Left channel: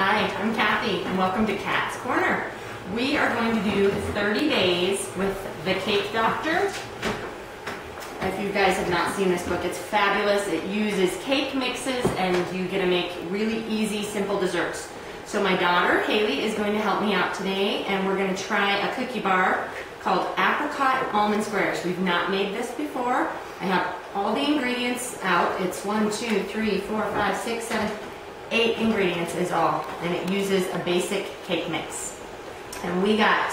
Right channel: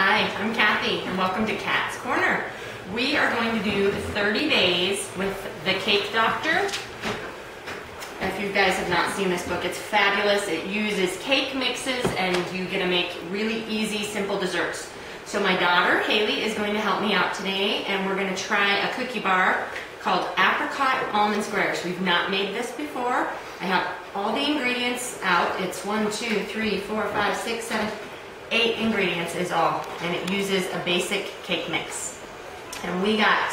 Hi, I'm Kathy, and welcome to Kat's Corner. We are going to do 30 days with the Cake Doctor. If you guys have not seen this book, it's fabulous. It uses cake mixes, and you get to make really easy, simple desserts. So my daughter, Haley, is going to help me out today, and we're going to try a cookie bar called Apricot Almond Bars. We've not made this before. I have all the ingredients out. It's 1, 2, 3, 4, 5, 6, 7, 8 ingredients is all, and it uses a basic cake mix. And we got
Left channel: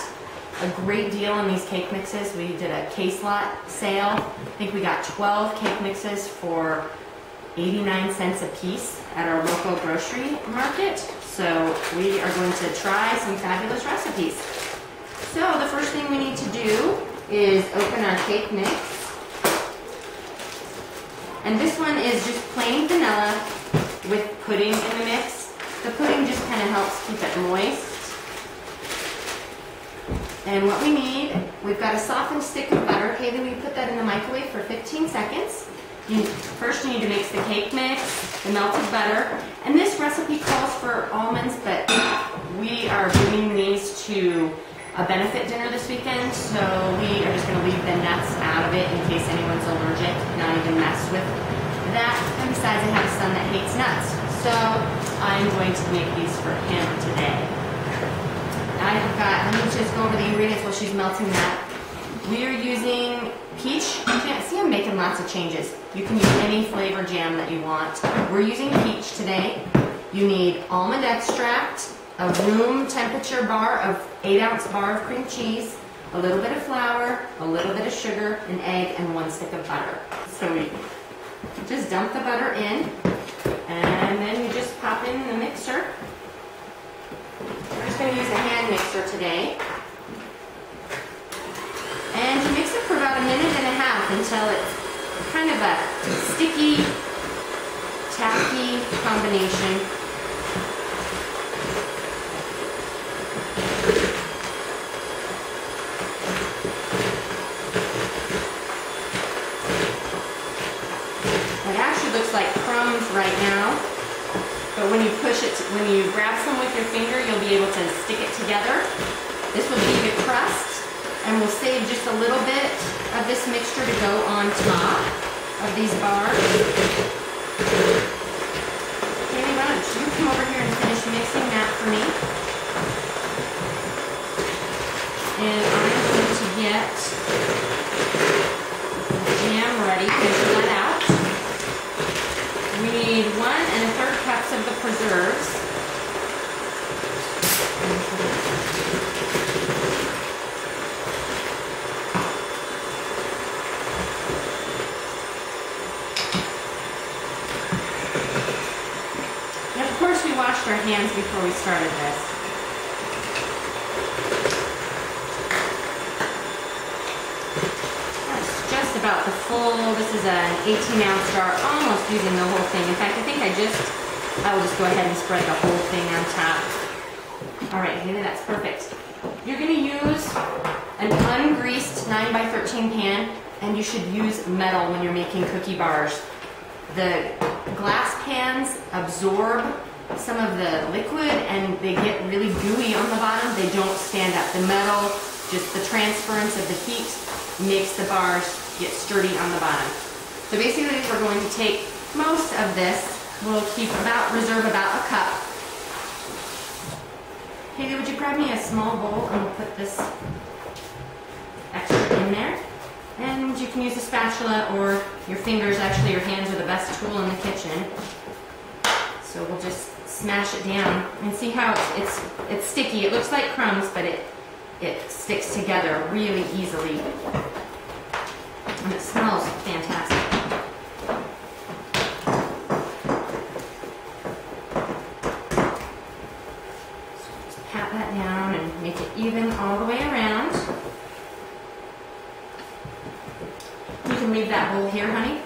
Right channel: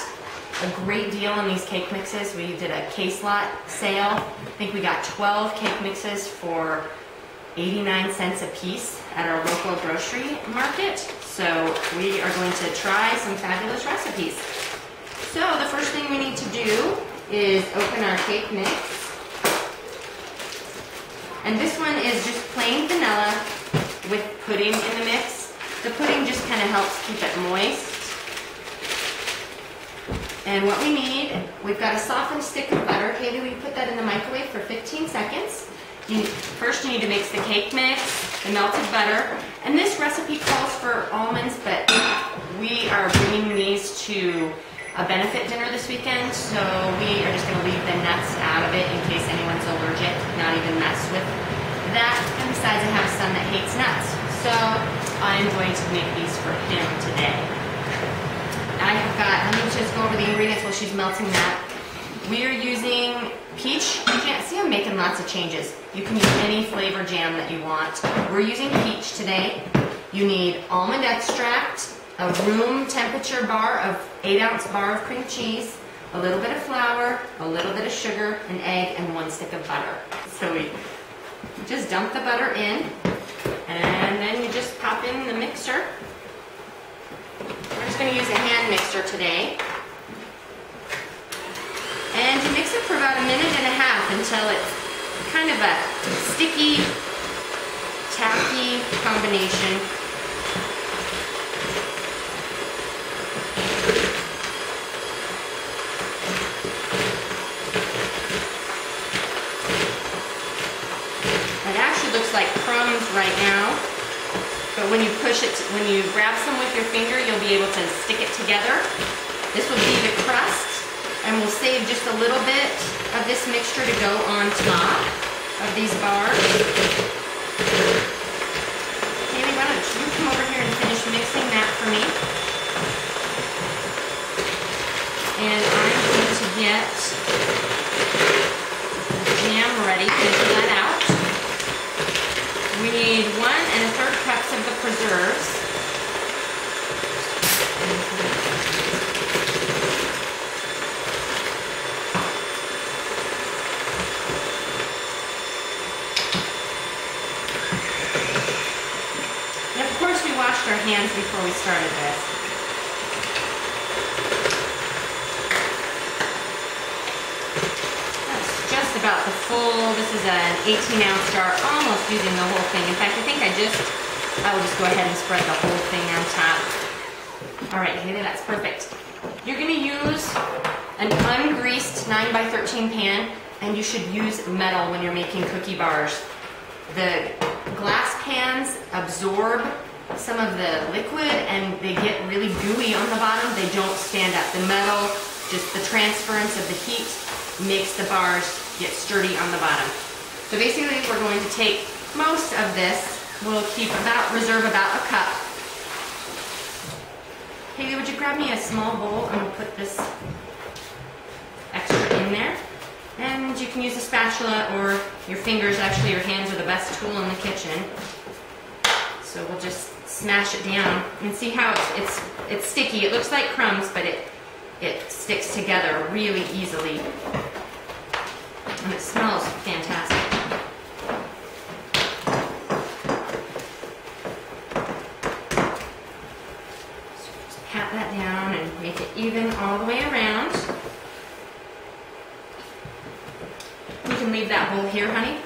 a great deal on these cake mixes. We did a case lot sale. I think we got 12 cake mixes for 89 cents a piece at our local grocery market. So we are going to try some fabulous recipes. So the first thing we need to do is open our cake mix. And this one is just plain vanilla with pudding in the mix. The pudding just kind of helps keep it moist. And what we need, we've got a softened stick of butter. Haley, will you put that in the microwave for 15 seconds? First you need to mix the cake mix, the melted butter, and this recipe calls for almonds, but we are bringing these to a benefit dinner this weekend, so we are just going to leave the nuts out of it in case anyone's allergic, not even mess with that. And besides, I have a son that hates nuts, so I'm going to make these for him today. I have got, let me just go over the ingredients while she's melting that. We are using peach. You can't see I'm making lots of changes. You can use any flavor jam that you want. We're using peach today. You need almond extract, a room temperature bar of 8-ounce bar of cream cheese, a little bit of flour, a little bit of sugar, an egg, and 1 stick of butter. So we just dump the butter in, and then you just pop in the mixer. We're just going to use a hand mixer today. And you mix it for about 1.5 minutes until it's kind of a sticky, tacky combination. It actually looks like crumbs right now, but when you push it, when you grab some with your finger, you'll be able to stick it together. This will be the crust, and we'll save just a little bit of this mixture to go on top of these bars. Haley, why don't you come over here and finish mixing that for me? And I'm going to get the jam ready. Pull that out. We need 1 1/3 cups of the preserves. And of course we washed our hands before we started this. About the full, this is an 18-ounce jar, almost using the whole thing. In fact, I think I will just go ahead and spread the whole thing on top. All right, Haley, that's perfect. You're going to use an ungreased 9x13 pan, and you should use metal when you're making cookie bars. The glass pans absorb some of the liquid, and they get really gooey on the bottom. They don't stand up. The metal, just the transference of the heat, makes the bars get sturdy on the bottom. So basically we're going to take most of this. We'll reserve about a cup. Haley, would you grab me a small bowl, and we'll put this extra in there. And you can use a spatula or your fingers. Actually, your hands are the best tool in the kitchen. So we'll just smash it down and see how it's sticky. It looks like crumbs, but it sticks together really easily. And it smells fantastic. So just pat that down and make it even all the way around. You can leave that bowl here, honey.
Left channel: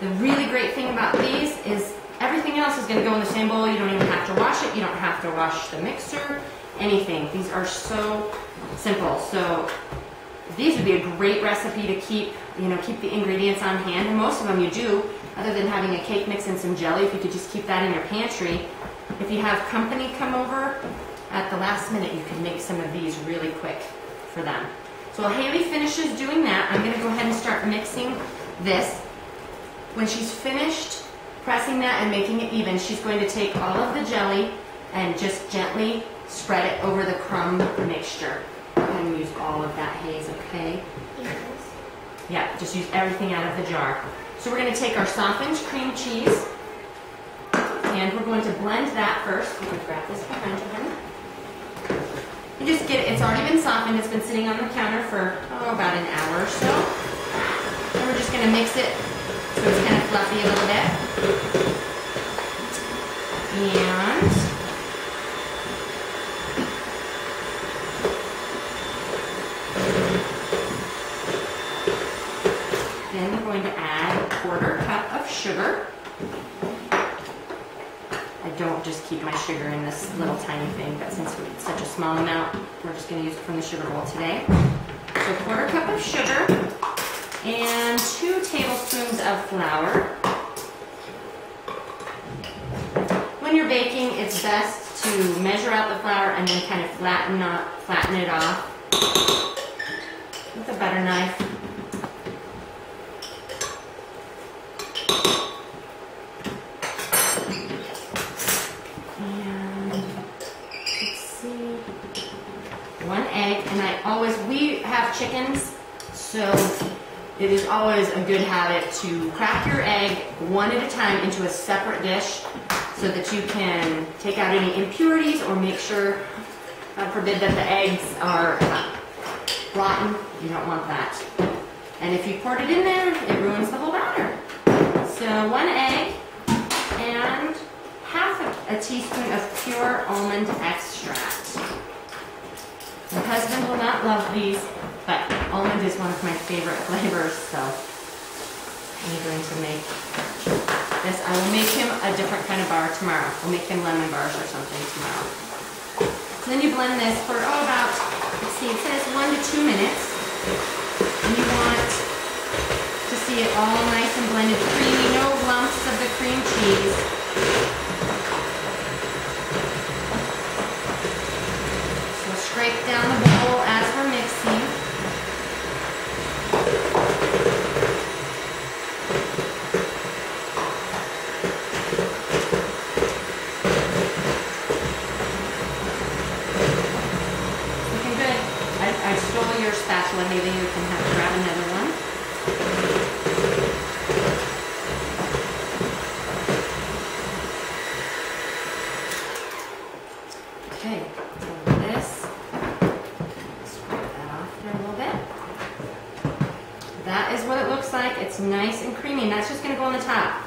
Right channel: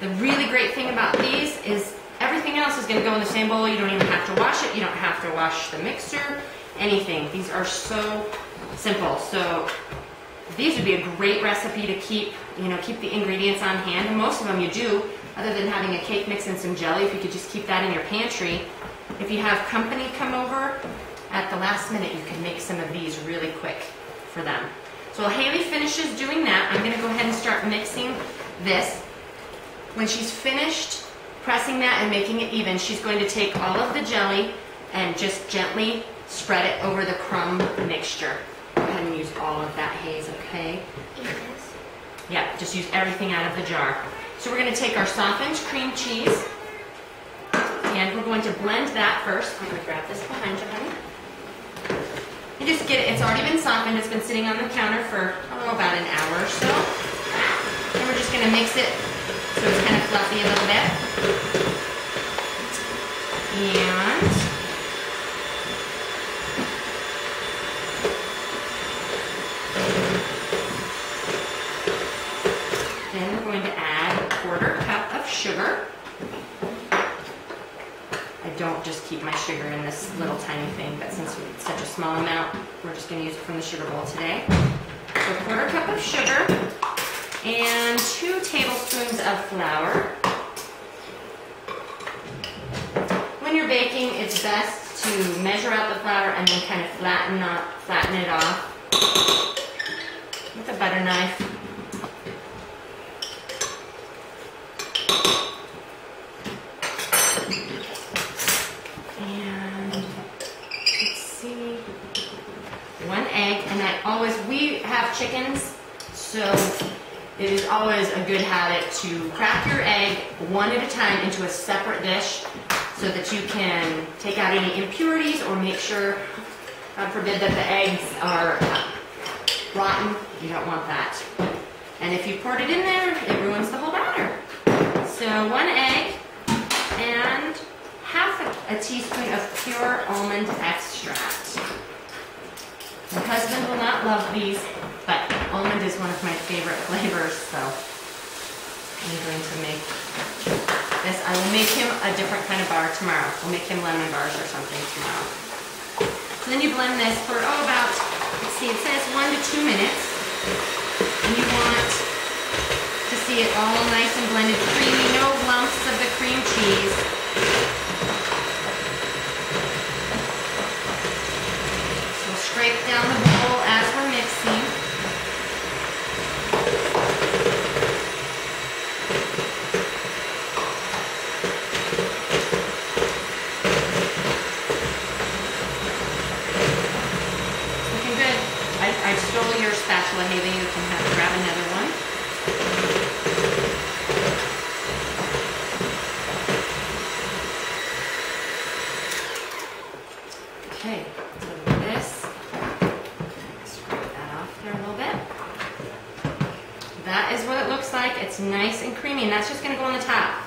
The really great thing about these is everything else is going to go in the same bowl. You don't even have to wash it. You don't have to wash the mixer, anything. These are so simple. So these would be a great recipe to keep the ingredients on hand, and most of them you do, other than having a cake mix and some jelly. If you could just keep that in your pantry, if you have company come over at the last minute, you can make some of these really quick for them. So while Haley finishes doing that, I'm going to go ahead and start mixing this. When she's finished pressing that and making it even, she's going to take all of the jelly and just gently spread it over the crumb mixture. Go ahead and use all of that, Haze, okay? Yes. Yeah, just use everything out of the jar. So we're going to take our softened cream cheese and we're going to blend that first. I'm going to grab this behind you, honey. You just get it, it's already been softened, it's been sitting on the counter for about an hour or so. And we're just going to mix it so it's kind of fluffy a little bit. And then we're going to add a 1/4 cup of sugar. I don't just keep my sugar in this little tiny thing, but since it's such a small amount, we're just going to use it from the sugar bowl today. So 1/4 cup of sugar and 2 tablespoons of flour. When you're baking, it's best to measure out the flour and then kind of flatten it off with a butter knife. We have chickens, so it is always a good habit to crack your egg one at a time into a separate dish so that you can take out any impurities or make sure, God forbid, that the eggs are rotten. You don't want that. And if you poured it in there, it ruins the whole batter. So 1 egg and 1/2 a teaspoon of pure almond extract. My husband will not love these, but almond is one of my favorite flavors, so I'm going to make this. I will make him a different kind of bar tomorrow. We'll make him lemon bars or something tomorrow. So then you blend this for, about, let's see, it says 1 to 2 minutes. And you want to see it all nice and blended, creamy, no lumps of the cream cheese. Scrape down the bowl as we're mixing. Looking good. I stole your spatula, Haley. You can grab another one. Okay, so this. That is what it looks like. It's nice and creamy, and that's just going to go on the top.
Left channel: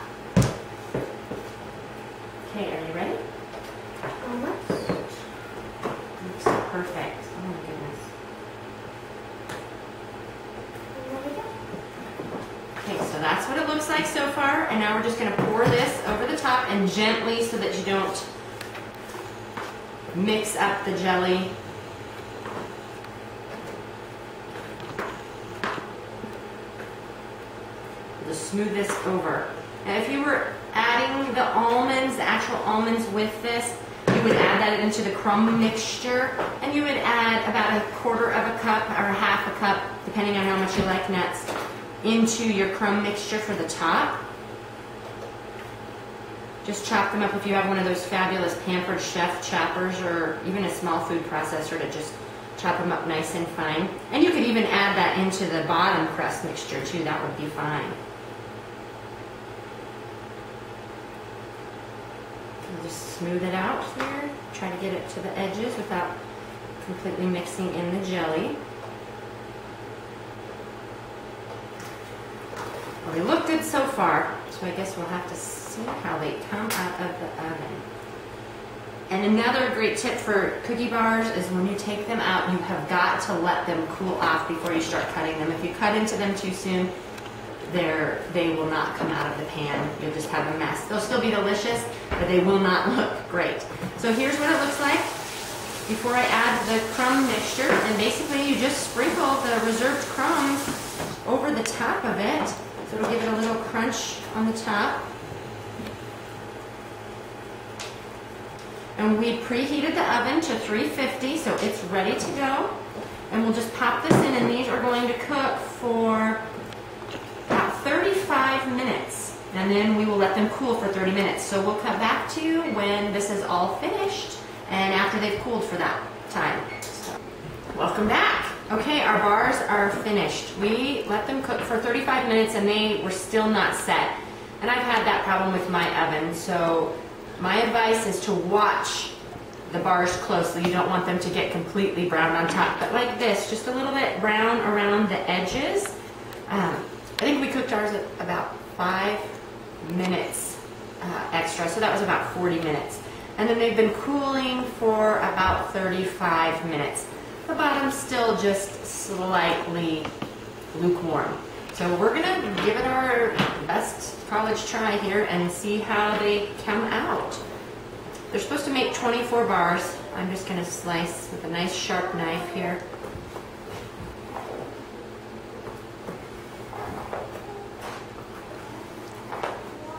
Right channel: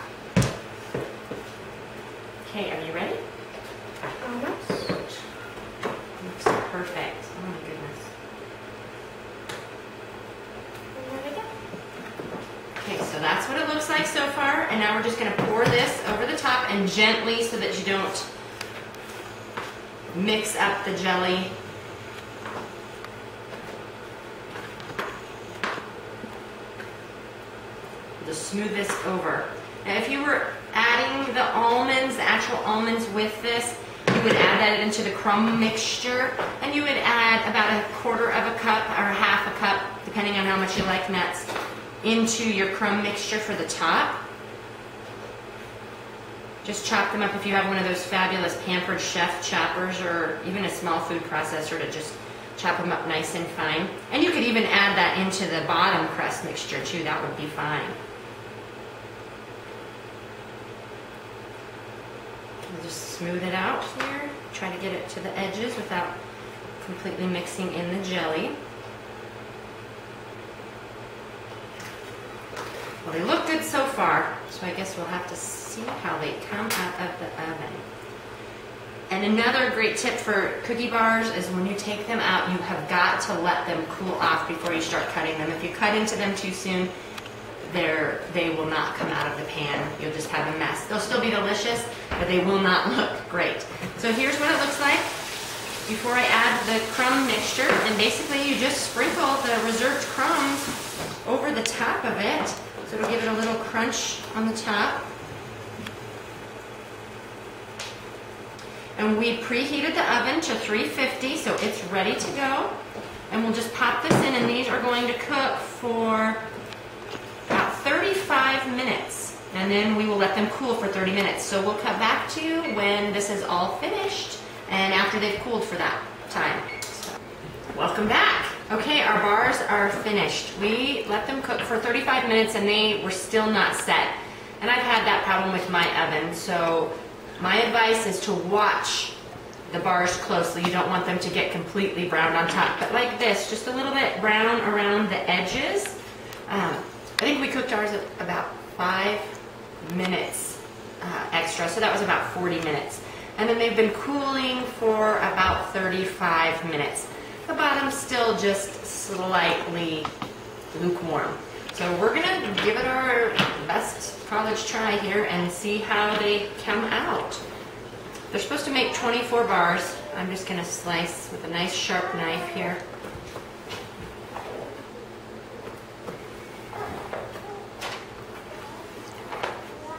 Okay, are you ready? Almost. Looks perfect. Oh my goodness. And there we go. Okay, so that's what it looks like so far, and now we're just going to pour this over the top and gently so that you don't mix up the jelly. Just smooth this over. Now if you were adding the almonds, the actual almonds with this, you would add that into the crumb mixture, and you would add about 1/4 of a cup or 1/2 a cup, depending on how much you like nuts, into your crumb mixture for the top. Just chop them up if you have one of those fabulous Pampered Chef choppers or even a small food processor to just chop them up nice and fine. And you could even add that into the bottom crust mixture too, that would be fine. We'll just smooth it out here. Try to get it to the edges without completely mixing in the jelly. Well, they look good so far, so I guess we'll have to see how they come out of the oven. And another great tip for cookie bars is when you take them out, you have got to let them cool off before you start cutting them. If you cut into them too soon, they will not come out of the pan. You'll just have a mess. They'll still be delicious, but they will not look great. So here's what it looks like before I add the crumb mixture. And basically you just sprinkle the reserved crumbs over the top of it. So it'll give it a little crunch on the top. And we preheated the oven to 350, so it's ready to go. And we'll just pop this in, and these are going to cook for about 35 minutes. And then we will let them cool for 30 minutes. So we'll cut back to you when this is all finished and after they've cooled for that time. So, welcome back. Okay, our bars are finished. We let them cook for 35 minutes and they were still not set. And I've had that problem with my oven, so my advice is to watch the bars closely. You don't want them to get completely brown on top, but like this, just a little bit brown around the edges. I think we cooked ours at about 5 minutes extra, so that was about 40 minutes. And then they've been cooling for about 35 minutes. The bottom's still just slightly lukewarm. So we're gonna give it our best college try here and see how they come out. They're supposed to make 24 bars. I'm just gonna slice with a nice sharp knife here.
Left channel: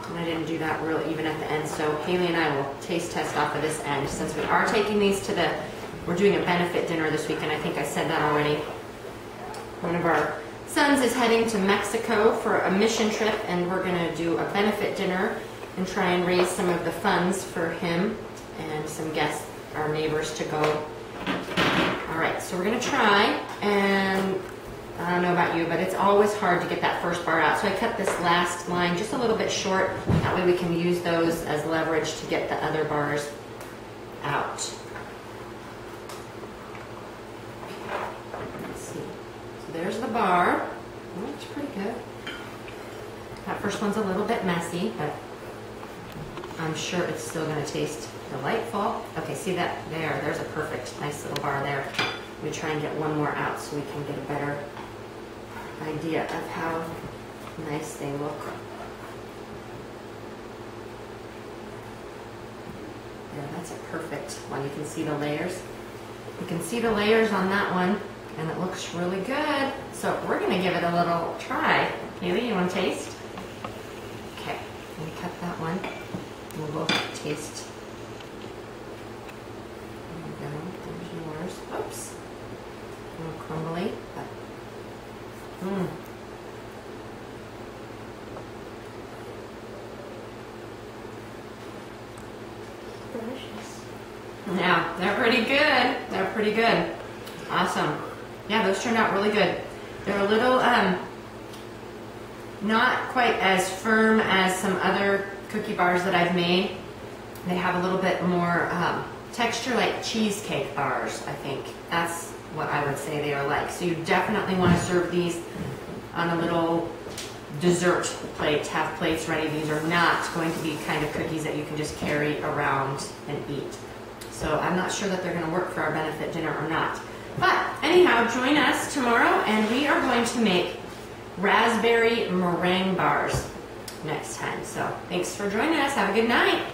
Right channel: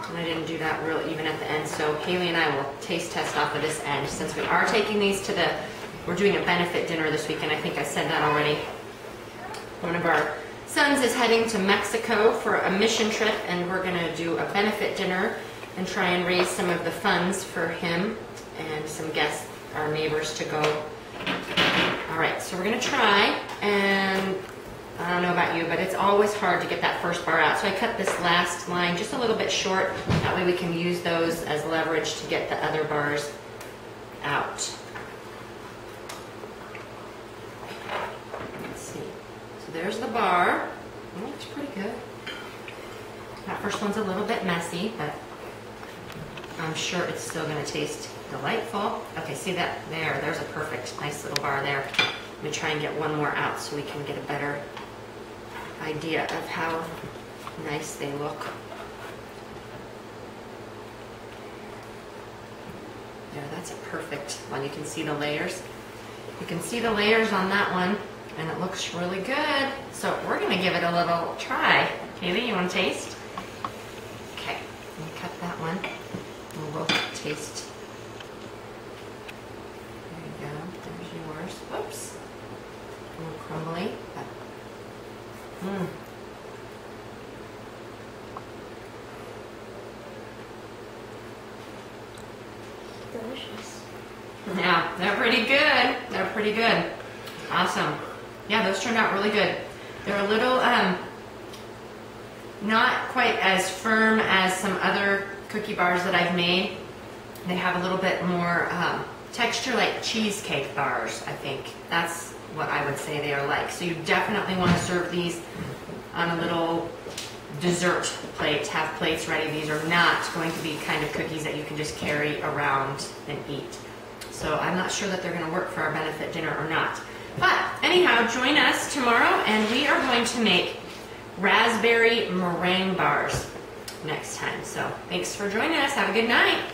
And I didn't do that real even at the end, so Haley and I will taste test off of this end since we are taking these to we're doing a benefit dinner this weekend. I think I said that already. One of our sons is heading to Mexico for a mission trip, and we're gonna do a benefit dinner and try and raise some of the funds for him and some guests, our neighbors, to go. All right, so we're gonna try, and I don't know about you, but it's always hard to get that first bar out. So I cut this last line just a little bit short. That way we can use those as leverage to get the other bars out. Let's see. So there's the bar. Oh, it's pretty good. That first one's a little bit messy, but I'm sure it's still going to taste delightful. Okay, see that there? There's a perfect, nice little bar there. Let me try and get one more out so we can get a better idea of how nice they look. There, that's a perfect one. You can see the layers. You can see the layers on that one, and it looks really good. So we're going to give it a little try. Haley, you want to taste? Okay, let me cut that one. We'll both taste. There you go. There's yours. Oops. A little crumbly, but Delicious. Yeah, they're pretty good. They're pretty good. Awesome. Yeah, those turned out really good. They're a little, not quite as firm as some other cookie bars that I've made. They have a little bit more texture like cheesecake bars, I think. That's what I would say they are like. So you definitely want to serve these on a little dessert plate. Have plates ready. These are not going to be kind of cookies that you can just carry around and eat. So I'm not sure that they're going to work for our benefit dinner or not. But anyhow, join us tomorrow and we are going to make raspberry meringue bars next time. So thanks for joining us. Have a good night.